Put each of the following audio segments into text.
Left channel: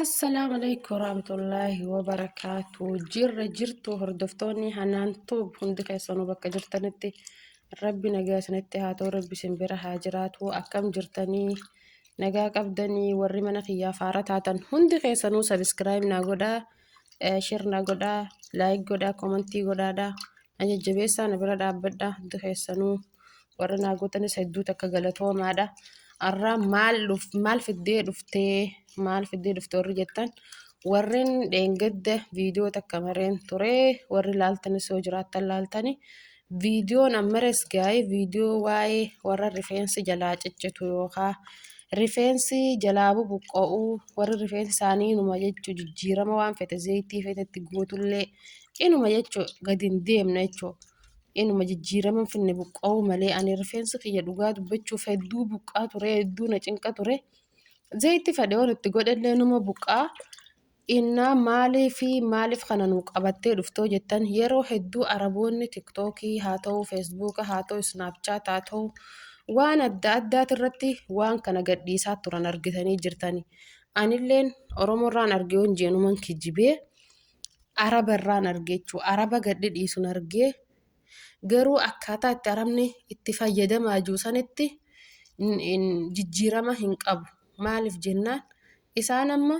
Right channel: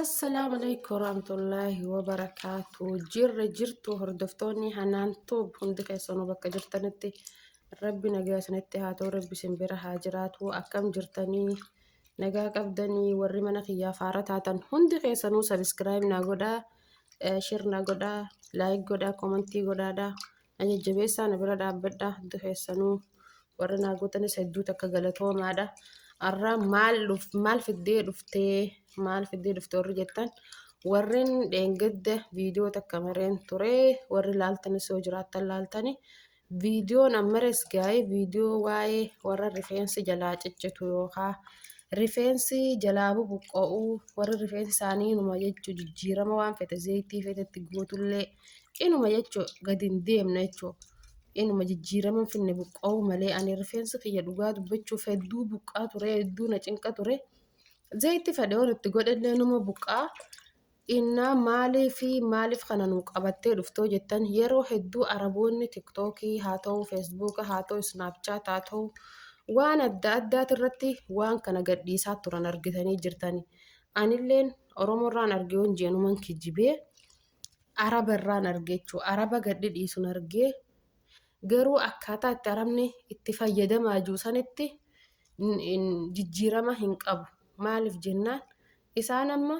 السلام عليكم ورحمة الله وبركاته. jirtu hordoftoonni hanaan toob hundi keessanuu bakka jirtanitti rabbi nagaa isinitti haa ta'u, rabbi isin bira haa jiraatu. Akkam jirtanii nagaa qabdanii warri mana kiyyaa faara taatan hundi keessanuu sabiskiraayib naa godhaa, shir naa godhaa, laayik godhaa, komentii godhaadhaa. Na jajjabeessaa na bira dhaabbadhaa hundi keessanuu warri naa gootanis hedduu takka galatoomaadha. Arraa maal fiddee dhuftee warri jettan warreen dheengadda viidiyoo takka mareen ture warri laaltanis yoo jiraattan laaltani viidiyoon ammares gaa'ee viidiyoo waa'ee warra rifeensi jalaa ciccitu yookaan rifeensi jalaa bubuqqa'uu warri rifeensi isaanii inuma jechuu jijjiirama waan fete zayitii fetetti guutullee inuma jechuu gadi hin deemne jechuu. Inuma jijjiirama finne buqqa'uu malee ani rifeensi kiyya dhugaa dubbachuuf hedduu buqqaa ture, hedduu na cinqa ture. Zayitii fedheewwan itti godhallee numa buqqaa. Innaa maaliif kana nu qabattee dhuftoo jettan yeroo hedduu araboonni tiktookii haa ta'u, feesbuuka haa ta'u, snaapchaat haa ta'u waan adda addaati irratti waan kana gadhiisaa turan argitanii jirtani. Anilleen Oromoorraan argee honjeenuman kijibee Arabarraan argee jechuudha. Araba gadhi dhiisuun argee. Garuu akkaataa itti arabni itti fayyadamaa jiru sanitti jijjiirama hin qabu. Maaliif jennaan isaan amma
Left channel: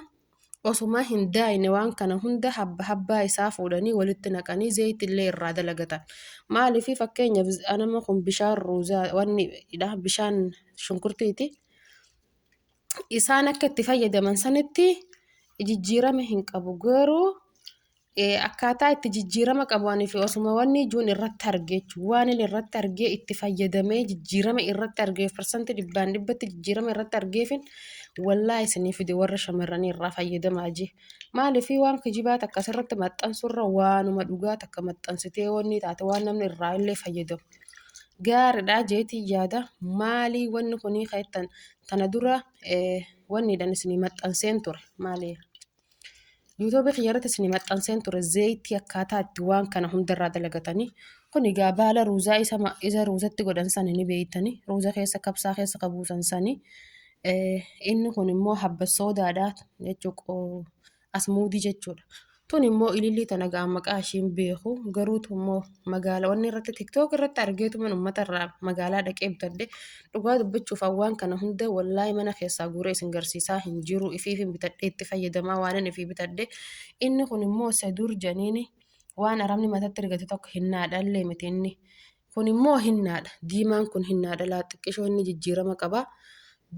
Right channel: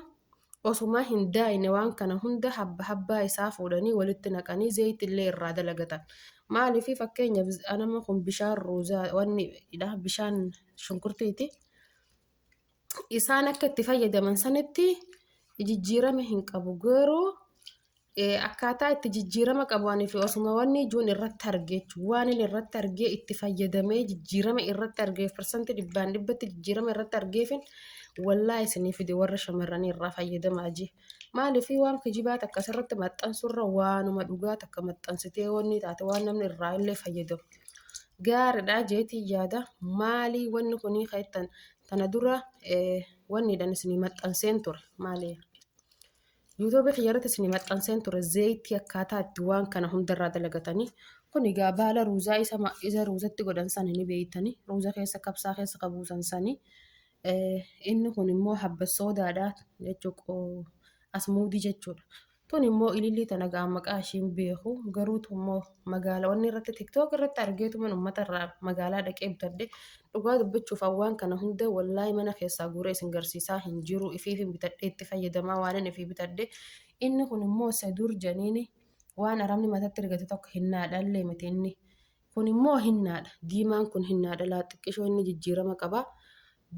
osuma hin daayine waan kana hunda habbaa isaa fuudhanii walitti naqanii zayitillee irraa dalagatan. Maaliif fakkeenyaaf anama kun bishaan ruuzaa bishaan shunkurtiiti. Isaan akka itti fayyadaman sanitti jijjiirama hin qabu. Garuu akkaataa itti jijjiirama qabuanii fi osuma wanni ijuun irratti argee waan inni irratti argee itti fayyadamee jijjiirama irratti argeef parsantii 100% jijjiirama irratti argeefin wallaahi isinii fide warra shamarranii irraa fayyadamaa jee. Maaliif waan kijibaat akkasirratti maxxansurra waanuma dhugaa takka maxxansitee wanni taate waan namni irraa illee fayyadamu. Gaariidhaa jeetii yaada maalii wanni kunii kaa'ettan tana dura wanni dhan isinii maxxanseen ture maali? YouTube xiyyaarratti isinii maxxanseen ture zayitii akkaataa itti waan kana hundarraa dalagatanii kun egaa baala ruuzaa isa ruuzatti godhan sanii ni beeytanii ruuza keessa kabsaa keessa qabuusan sanii inni kun immoo habba soodaadhaa jechuudha asmuudii jechuudha. Tun immoo ilillii tana ga'a maqaa ishiin beeku garuutu immoo magaalawwan irratti tiktook irratti argeetuman uummata irraa magaalaa dhaqee bitadde dhugaa dubbachuuf waan kana hunda wallaahi mana keessaa guuree isin garsiisaa hin jiru ifiifin bitadhee itti fayyadamaa waan ifii bitadde inni kun immoo sadur janiini waan arabni matatti rigate tokko hinnaadha illee miti inni kun immoo hinnaadha diimaan kun hinnaadha laaxiqqishoo inni jijjiirama qaba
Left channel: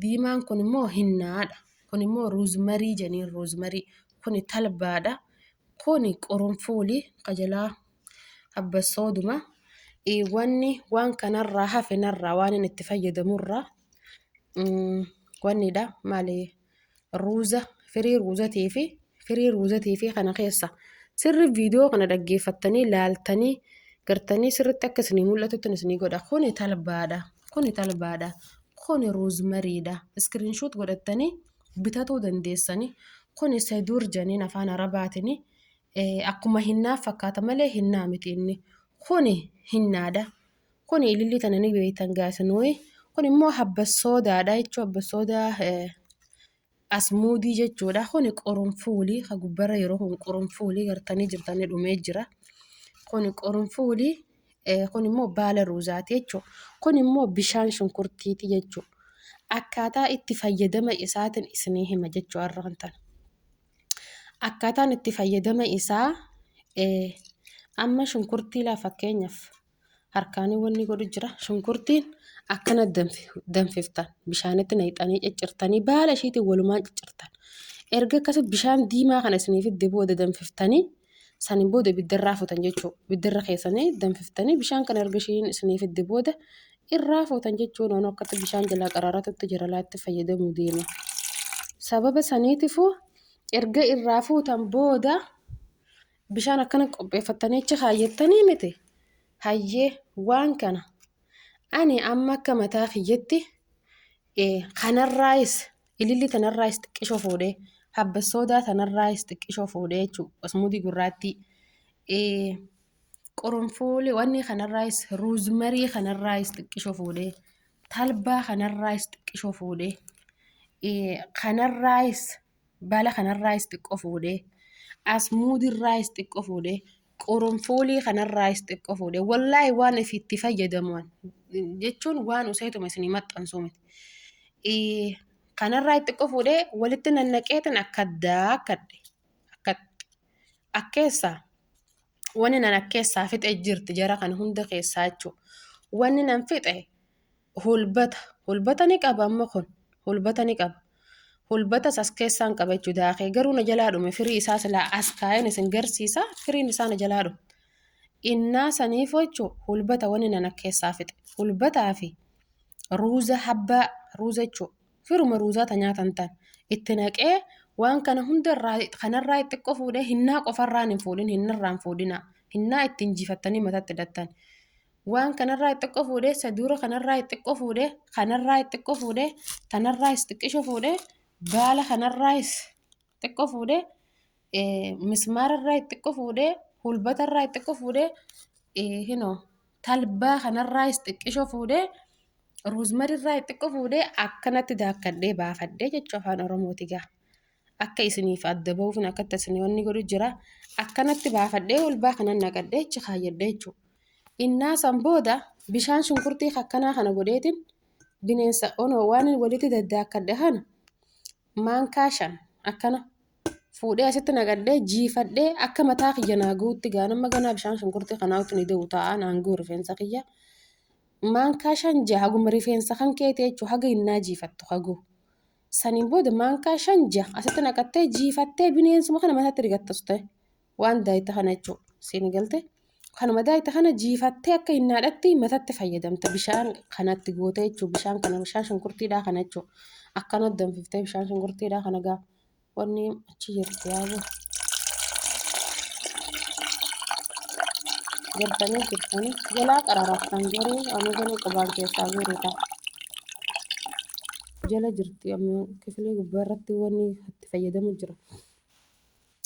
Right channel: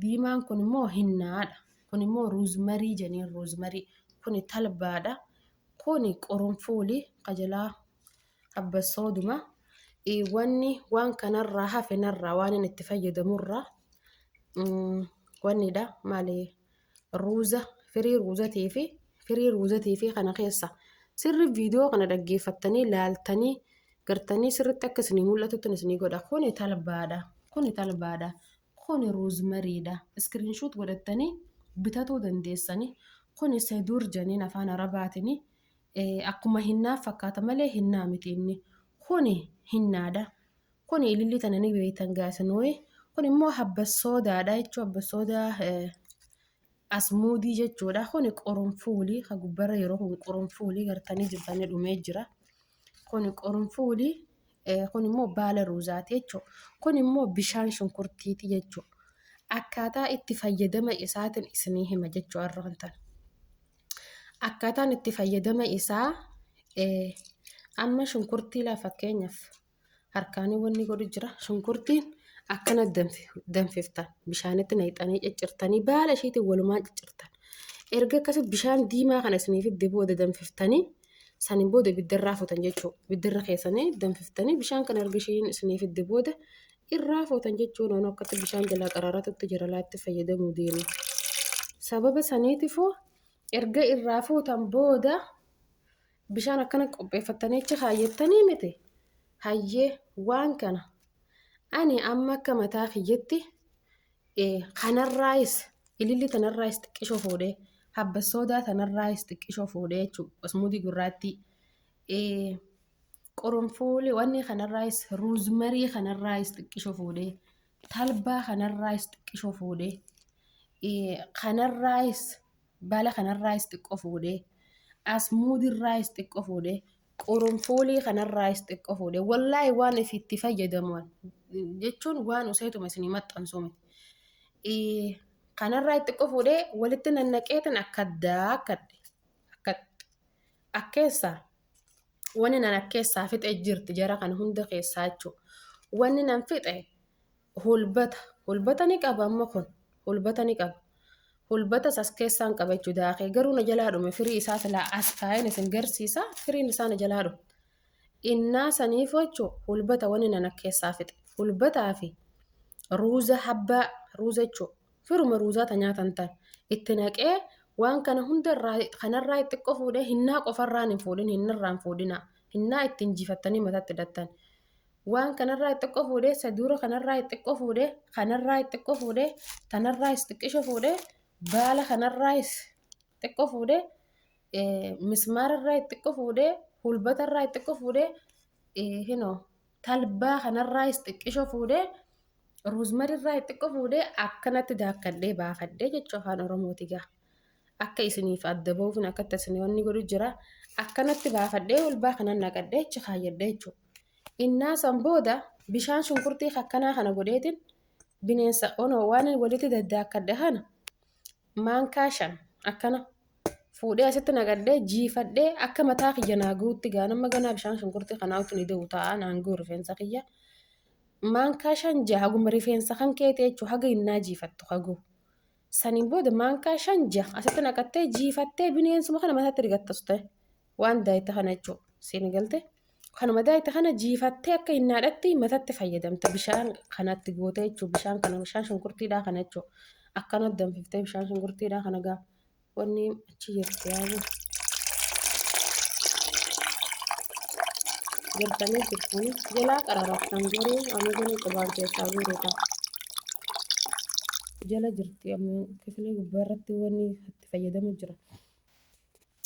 diimaan kun immoo hinnaadha kun immoo ruuzmarii janiin ruuzmarii kun talbaadha. Kuni qurunfuulii qajalaa habba sooduma wanni waan kanarraa hafe narraa waan inni itti fayyadamurraa wannidha maali ruuza firii ruuzatii fi kana keessa sirri viidiyoo kana dhaggeeffattanii laaltanii gartanii sirritti akka isinii mul'atutti isinii godha. Kuni talbaadha kuni ruuzmariidha iskiriinshuut godhattanii bitatuu dandeessanii kuni sadur janiin afaan arabaatiin. Akkuma hinnaa fakkaata malee hinnaa miti inni kuni hinnaadha. Kuni ilillii tana ni beeytan gaasanooyi. Kun immoo habba soodaadha jechuudha. Habba soodaa asmuudii jechuudha. Kuni qurunfuulii ka gubbara yeroo kun qurunfuulii gartanii jirtanii dhumee jira. Kuni qurunfuulii kun immoo baala ruuzaati jechuudha. Kun immoo bishaan shunkurtiiti jechuudha. Akkaataa itti fayyadama isaatiin isinii hima jechuudha arraan tana. Akkaataan itti fayyadama isaa amma shunkurtii laa fakkeenyaaf harkaanii wanni godhu jira shunkurtiin akkana danfiftan bishaanitti naqxanii ciccirtanii baala ishiitiin walumaan ciccirtan erga akkasii bishaan diimaa kana isiniif itti booda danfiftanii saniin booda ibiddarraa fuutan jechuudha. Ibiddarra keessanii danfiftanii bishaan kana erga ishiin isiniif itti booda irraa fuutan jechuudha. Waan akkatti bishaan jalaa qaraaratutti jira laatti fayyadamuu deema. Sababa saniitiifuu erga irraa fuutan booda bishaan akkana qopheeffattanii achi kaayyattanii miti hayyee waan kana ani amma akka mataa kiyyetti kanarraayis ilillii tanarraayis xiqqishoo fuudhee habba soodaa tanarraayis xiqqishoo fuudhee jechuudha asmuudii gurraattii qurunfuulii wanni kanarraayis ruuzmarii kanarraayis xiqqishoo fuudhee talbaa kanarraayis xiqqishoo fuudhee kanarraayis baala kanarraayis xiqqoo fuudhee asmuudirraayis xiqqoo fuudhee qoronfoolii kanarraayis xiqqoo fuudhee wallaahi waan ifitti fayyadaman jechuun waan useetuma isinii maxxansu miti. Kanarraa xiqqoo fuudhee walitti nannaqeetan akka daakkadhe akkeessaa wanni nan akkeessaa fixe jirti jara kan hunda keessaa jechuudha. Wanni nan fixe hulbata ni qaba amma kun hulbata ni qaba. Hulbatas as keessaan qaba jechuudha daakee garuu na jalaa dhume firii isaa silaa as kaa'een isin garsiisa firiin isaa na jalaa dhume. Innaa saniif jechuudha hulbata wanni nan akkeessaa fixe hulbataa fi ruuza habbaa ruuza jechuudha firuma ruuzaata nyaatan ta'an itti naqee waan kana hundarraa kanarraa xiqqoo fuudhee hinnaa qofarraan hin fuudhin hinnarraan fuudhina hinnaa ittiin jiifattanii mataatti hidhattan. Waan kanarraa xiqqoo fuudhee saduura kanarraa xiqqoo fuudhee kanarraa xiqqoo fuudhee tanarraa xiqqisho fuudhee baala kanarraa xiqqoo fuudhee mismaararraa xiqqoo fuudhee hulbatarraa xiqqoo fuudhee hinoo talbaa kanarraa xiqqisho fuudhee ruuzmarirraa xiqqoo fuudhee akkanatti daakkadhee baafadhee jechuudha afaan oromooti gaa. Akka isiniif adda ba'uufin akkatti isinii wanni godhu jira akkanatti baafadhee walbaa kanan naqadhee achi kaayyadhee jechuudha. Innaa san booda bishaan shunkurtii akkanaa kana godheetiin bineensa onoo waan walitti daddaakkadhe kana maankaa 5 akkana fuudhee asitti naqadhee jiifadhee akka mataa kiyya naaguutti gaanamma ganaa bishaan shunkurtii kanaatti ni deemu ta'a naangoo rifeensa kiyya. Maankaa 5 jaha haguma rifeensa kan keetee jechuudha haga innaa jiifattu haguu. Saniin booda maankaa 5 jaha asitti naqattee jiifattee bineensuma kana mataatti rigattus ta'e waan daayita kana jechuudha siin galte. Kanuma daayita kana jiifattee akka hinnaadhatti mataatti fayyadamte bishaan kanatti gootee jechuudha bishaan kana bishaan shunkurtiidhaa kana jechuudha. Akkanatti danfiftee bishaan shunkurtiidhaa kana gaa wanni achi jirti yaa'u. Jirtanii jalaa qararaaftan garuu ani gana qabaan keessaa guuruudha. Jala jirti amma kifilee gubbaarratti wanni itti fayyadamu jira.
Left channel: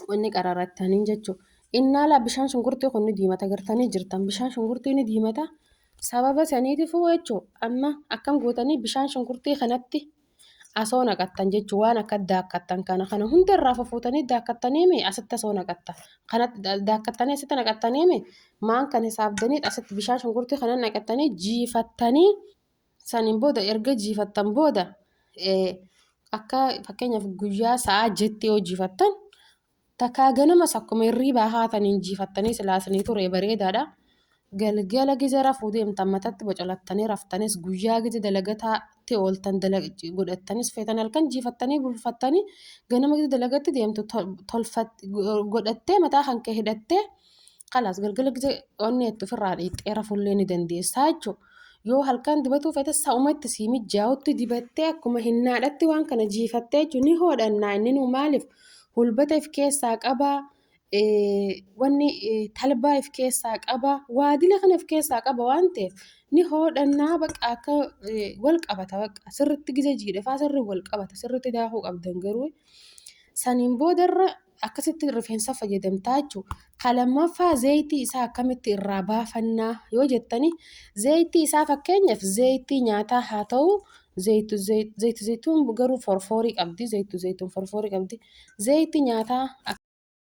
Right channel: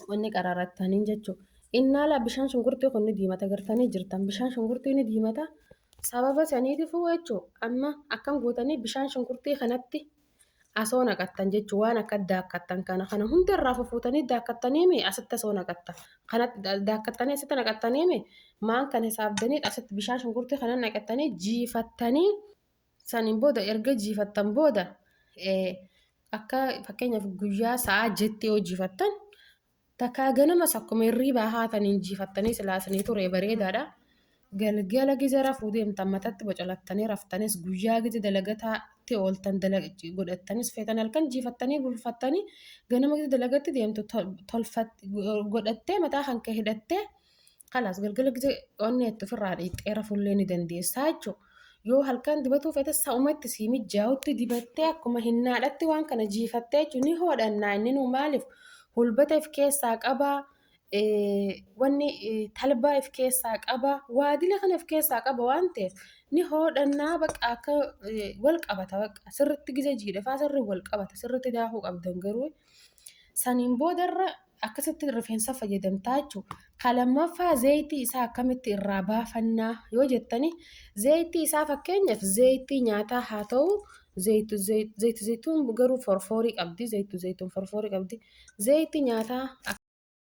Wanni qararattaniin jechuudha. Innaalaa bishaan shunkurtii kun ni diimata gartanii jirtan bishaan shunkurtii ni diimata sababa saniitiifuu jechuudha. Amma akkam gootanii bishaan shunkurtii kanatti asoo naqattan jechuudha waan akka daakkattan kana hundarraa fufuutanii daakkattanii asitti asoo naqatta kanatti daakkattanii asitti naqattanii maan kan hisaabdanii asitti bishaan shunkurtii kana naqattanii jiifattanii saniin booda erga jiifattan booda akka fakkeenyaaf guyyaa sa'a jetti yoo jiifattan takkaa ganama sakkuma hirriibaa haataniin jiifattanii silaasanii ture bareedaadha. Galgala giza rafuu deemtan mataatti bocalattanii raftanis guyyaa giza dalagataatti ooltan godhattanis feetan halkan jiifattanii bulfattanii ganama giza dalagatti deemtu godhattee mataa kan kee hidhattee kalaas galgala giza onnee itti ofirraa dhiixxee rafuullee ni dandeessaa jechuudha. Yoo halkan dibatuu feete sa'umatti sii mijaa'utti dibattee akkuma hinnaadhatti waan kana jiifattee jechuun ni hoodhannaa inni nu maaliif hulbata if keessaa qabaa. Wanni talbaa if keessaa qaba waadila kan if keessaa qaba waan ta'eef ni hoodhannaa baqa akka wal qabata baqa sirriitti giza jiidhafaa sirrii wal qabata sirriitti daakuu qabdan garuu saniin boodarra akkasitti rifeensa fayyadamtaa jechuudha. Kalammaffaa zayitii isaa akkamitti irraa baafannaa yoo jettanii zayitii isaa fakkeenyaaf zayitii nyaataa haa ta'u zayituun garuu forforii qabdi zayituu forforii qabdi zayitii nyaataa.